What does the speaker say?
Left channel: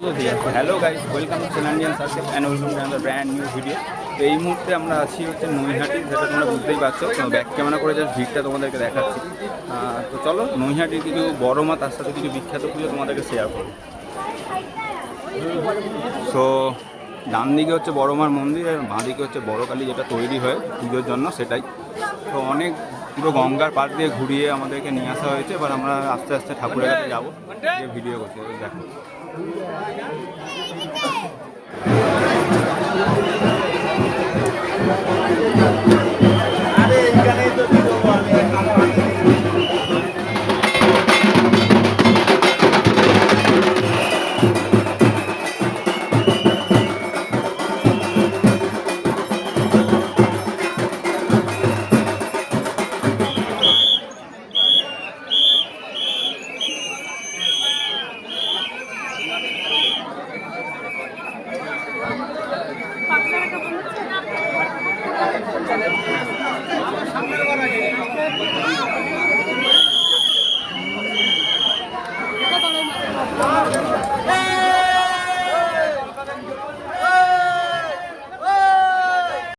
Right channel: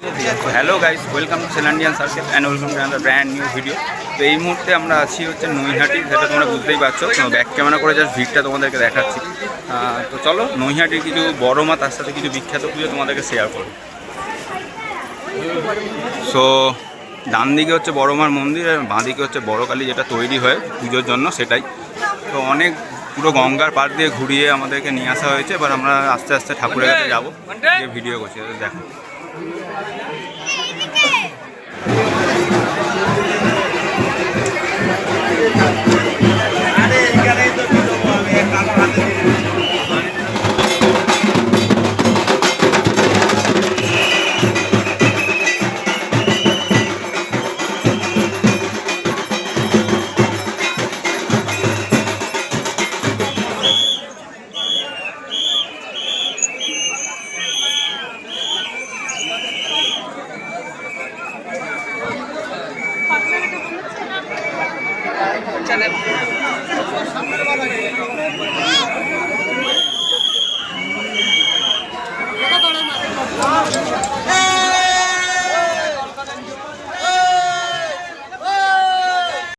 Hello guys, welcome to Selandian circle and welcome to another brand new video. তো এই মুহূর্তে আমরা আছি হচ্ছে নৈহাটি, সেটা তোমরা বুঝতেই পারছো। তো ব্যাক ক্যামেরা করে জাস্ট ভিড়টা তোমাদেরকে দেখাচ্ছি। তো চলো নৈহাটির কিছু বড় মা, তার সাথে কিছু বিখ্যাত পুজো তোমাদেরকে শেয়ার করবো। সো ডান দিকে হচ্ছে বড় মার মন্দির, আর বাঁ দিকে হচ্ছে বড় কালী, যেটা তৈরি হয় পুজোর জন্য, সেটাই। তো অনেক পুরো গঙ্গার পাড় দিয়ে ঘুরিয়ে আমাদেরকে নিয়ে আসা হয়েছে। এবার আমরা আস্তে আস্তে ঠাকুরের কাছে যাবো, যে ভিডিও করছি দেখো। সামনের